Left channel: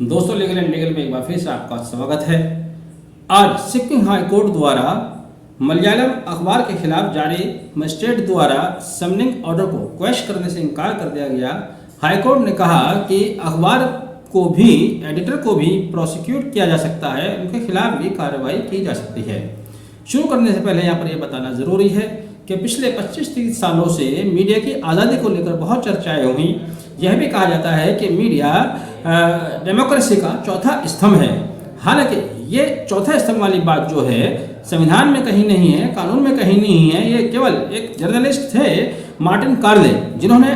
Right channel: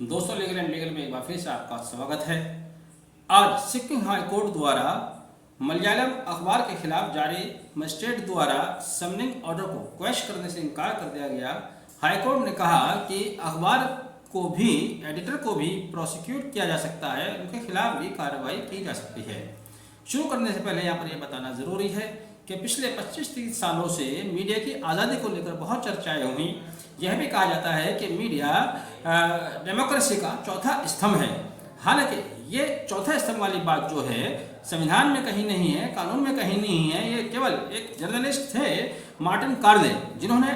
दोस्तों legal and legal में एक बार फिर से आपका स्वागत है। आज सिक्किम हाई कोर्ट द्वारा मलयालम अखबार के खिलाफ जारी मजिस्ट्रेट द्वारा समनिंग ऑर्डर को क्वेश करने से इनकार कर दिया गया। हाई कोर्ट ने कहा कि अखबार को भी, एडिटर को भी प्रोसिक्यूट किया जा सकता है, उनके खिलाफ भी कार्रवाई की जा सकती है। शुरू करने से पहले यहाँ पर यह बताना जरूरी है कि पिछले 25-30 सालों से मीडिया की आज़ादी को लेकर बहुत चर्चाएं हुई। यह भी कहा जाता है कि मीडिया डेमोक्रेसी का चौथा स्तंभ है। हालांकि ये चौथा स्तंभ वाली बात जो है संविधान में कहीं नहीं है, कानून में कहीं नहीं है। ये केवल एक जर्नलिस्ट थे मार्टिन कार्ले, जिन्होंने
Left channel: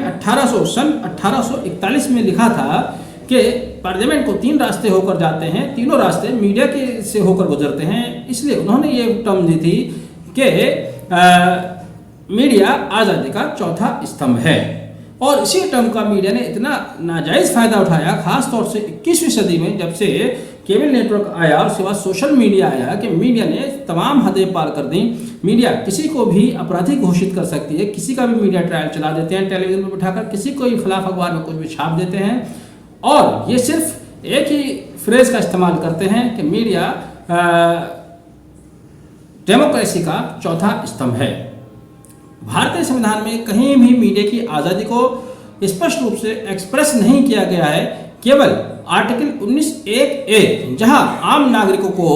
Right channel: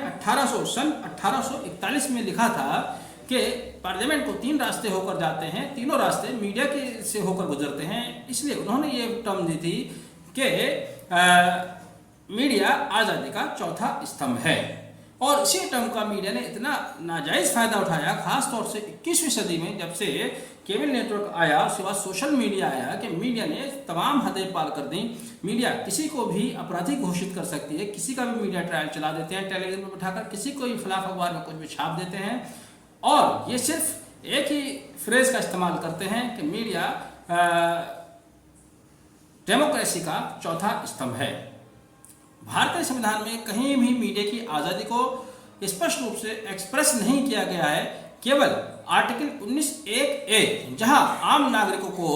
सन 1841 में लिखा था कि पार्लियामेंट को 3 रास्ते होकर जाते हैं, तीनों रास्ते मीडिया के से होकर गुजरते हैं। इसलिए उन्होंने ये टर्म दी थी कि मीडिया आज़ादी का चौथा स्तंभ है। और इसी टर्म का मीडिया ने इतना नाजायज़ फायदा उठाया, खास तौर से 21वीं सदी में जब से केबल नेटवर्क आया और उसके बाद सोशल मीडिया आया, कि मीडिया ने तमाम हदें पार कर दी। मीडिया किसी को भी अपराधी घोषित कर सकती है, किसी का भी मीडिया ट्रायल चला देते हैं, टेलीविजन पर बिठाकर किसी को खिलाफ अखबार में कुछ भी छाप देते हैं। और ये सिर्फ एक ही फ्रेज का इस्तेमाल करते हैं कि मीडिया डेमोक्रेसी का चौथा स्तंभ है। भारतीय संविधान में कहीं भी मीडिया की आज़ादी को स्पष्ट रूप से एक्सप्रेस नहीं किया गया है। केवल आर्टिकल 19(1)(a) जहां आम नागरिकों को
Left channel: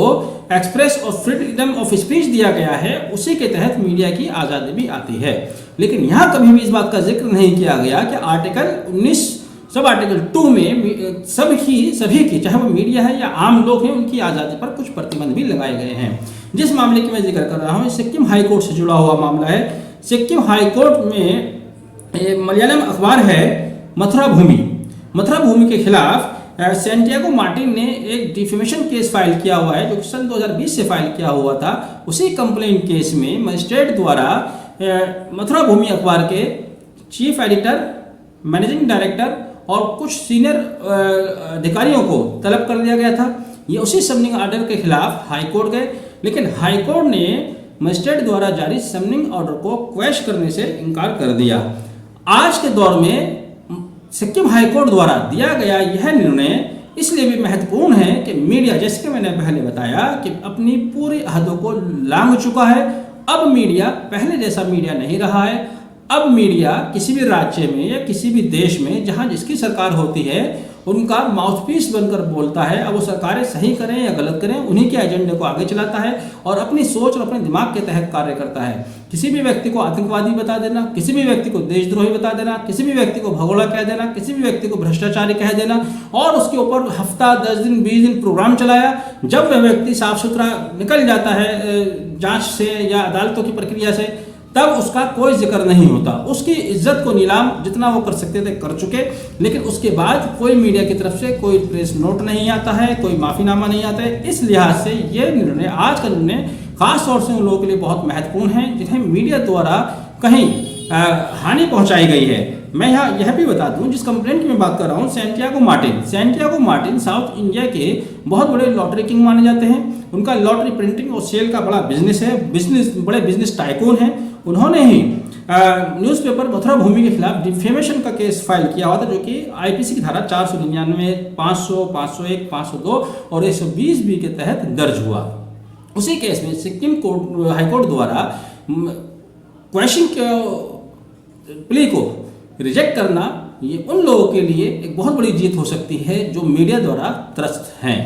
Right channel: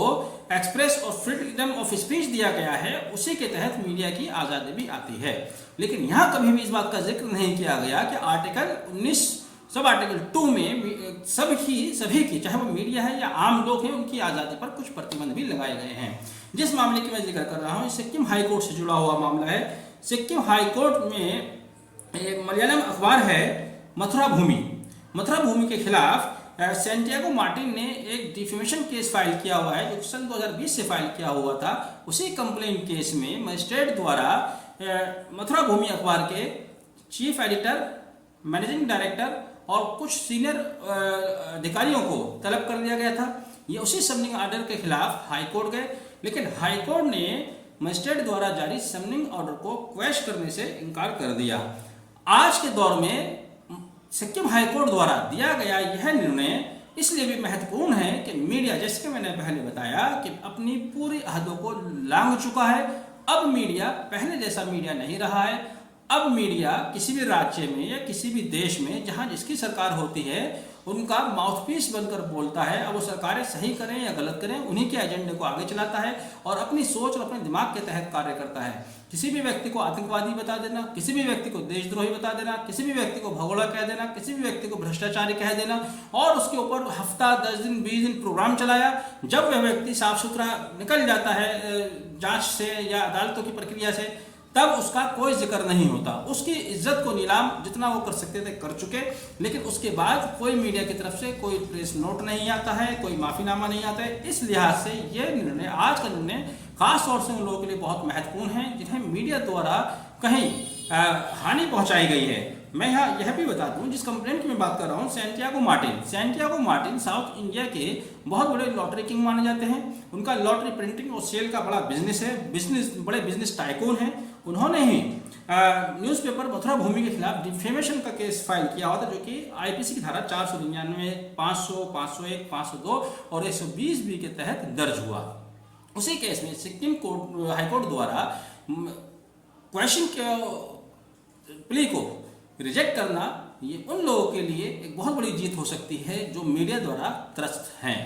एक्सप्रेस और फ्रीडम ऑफ स्पीच दिया गया है, उसी के तहत मीडिया की आज़ादी भी आती है। लेकिन यहां कभी भी इस बात का जिक्र नहीं किया गया कि आर्टिकल 19 सब आर्टिकल 2 में सभी की, चाहे वो मीडिया है या आम लोग हैं, उनकी आज़ादी पर कुछ प्रतिबंध भी लगाए गए हैं। जिस मामले की मैं जिक्र कर रहा हूँ सिक्किम हाई कोर्ट से जुड़ा हुआ मामला है। सिक्किम हाई कोर्ट में मलयालम अखबार है मथुरा भूमि के खिलाफ सैंटियागो मार्टिन ने एक डिफेमेशन केस फाइल किया हुआ है, जो सन 2020 से फाइल किया हुआ था। उसी कंप्लेंट केस में मजिस्ट्रेट द्वारा मथुरा भूमि अखबार के चीफ एडिटर, मैनेजिंग डायरेक्टर और कुछ सीनियर अधिकारियों को तलब कर दिया गया था। ये उसी समनिंग ऑर्डर के खिलाफ हाई कोर्ट गए, लेकिन हाई कोर्ट ने मजिस्ट्रेट द्वारा जारी समनिंग ऑर्डर को क्वेश करने से इनकार कर दिया। आज के दौर में सिक्किम हाई कोर्ट द्वारा दिया गया यह निर्णय इसलिए भी महत्वपूर्ण है कि मीडिया, जैसे कि मैंने पहले बताया, कि अपनी पूरी हदों को लांघ चुका है। अब मीडिया पहले जैसा मीडिया नहीं रहा है। अब मीडिया किसी भी राज्य में या किसी भी देश में जहां जिसकी सरकार होती है, उनका माउथपीस बनकर बोलता है। अब वो सरकारें सही करें या गलत करें, उन्हीं के एजेंडे को आगे चलाता है और अपनी सोच और अपने दिमाग के तहत कार्य करता है। किसी भी व्यक्ति को आतंकवादी बता देना, किसी भी व्यक्ति को देशद्रोही बता देना, किसी भी व्यक्ति को भगोड़ा कह देना, किसी भी व्यक्ति को भ्रष्टाचारी कह देना, और उसके ऊपर हफ्ता 10 दिन 20 दिन प्रोग्राम चलाया। जब वह व्यक्ति साफ सुथरा निकल जाता है जांच से या अदालतों की प्रक्रिया से, तब उसका कोई जिक्र नहीं होता। उसकी इज्जत को नीलाम जितना वो कर सकते थे कर चुके। लेकिन उसके बाद कोई मीडिया की तरफ से कोई प्रेस नोट नहीं आता है, कोई माफीनामा नहीं आता है। इस लिहाज से ये निर्णय, आज का निर्णय खास तौर से उन लोगों के लिए बहुत महत्वपूर्ण है जिन्हें मीडिया द्वारा कहीं हानि पहुंचाई गई है। मैं यहाँ यह भी बता दूं, जिस कंप्लेंट की मैं बात कर रहा हूँ, सैंटियागो मार्टिन साउथ इंडिया के बहुत बड़े लॉटरी किंग माने जाते हैं। उनका लॉटरी प्रिंटिंग और सेल का बड़ा बिजनेस है, बड़े बिजनेस टाइकून हैं। उन्होंने ही न्यूज़पेपर मथुरा भूमि के खिलाफ डिफेमेशन का केस फाइल किया हुआ था, जो कि आईपीसी की धारा 499, 500, 501, 502 और 120B के तहत दर्ज हुआ। उसी केस में सिक्किम हाईकोर्ट द्वारा क्वेश्चन प्ली को रिजेक्ट करना, ये उन लोगों के लिए एक बहुत बड़ी जीत हो सकती है जो मीडिया द्वारा त्रस्त हैं।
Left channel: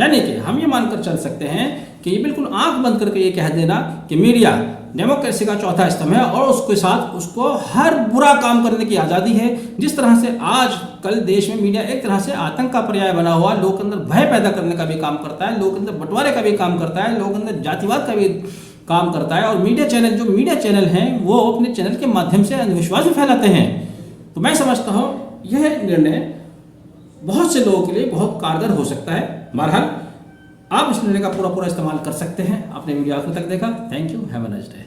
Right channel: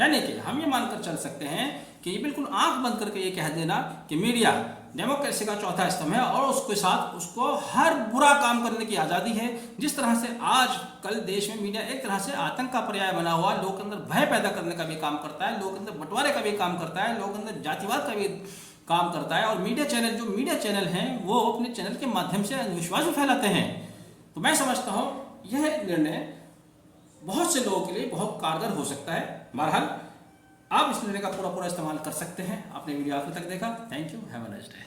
यानी कि हम ये मानकर चल सकते हैं कि ये बिल्कुल आंख बंद करके ये कह देना कि मीडिया डेमोक्रेसी का चौथा स्तंभ है और उसके साथ उसको हर बुरा काम करने की आज़ादी है। जिस तरह से आज कल देश में मीडिया एक तरह से आतंक का पर्याय बना हुआ, लोगों के अंदर भय पैदा करने का भी काम करता है, लोगों के अंदर बंटवारे का भी काम करता है, लोगों के अंदर जातिवाद का भी काम करता है। और मीडिया चैनल हैं वो अपने चैनल के माध्यम से अंधविश्वास भी फैलाते हैं। तो मैं समझता हूँ यह निर्णय बहुत से लोगों के लिए बहुत कारगर हो सकता है। बहरहाल आप इस निर्णय का पूरा इस्तेमाल कर सकते हैं। आपने वीडियो आखिर तक देखा, thank you, have a nice day.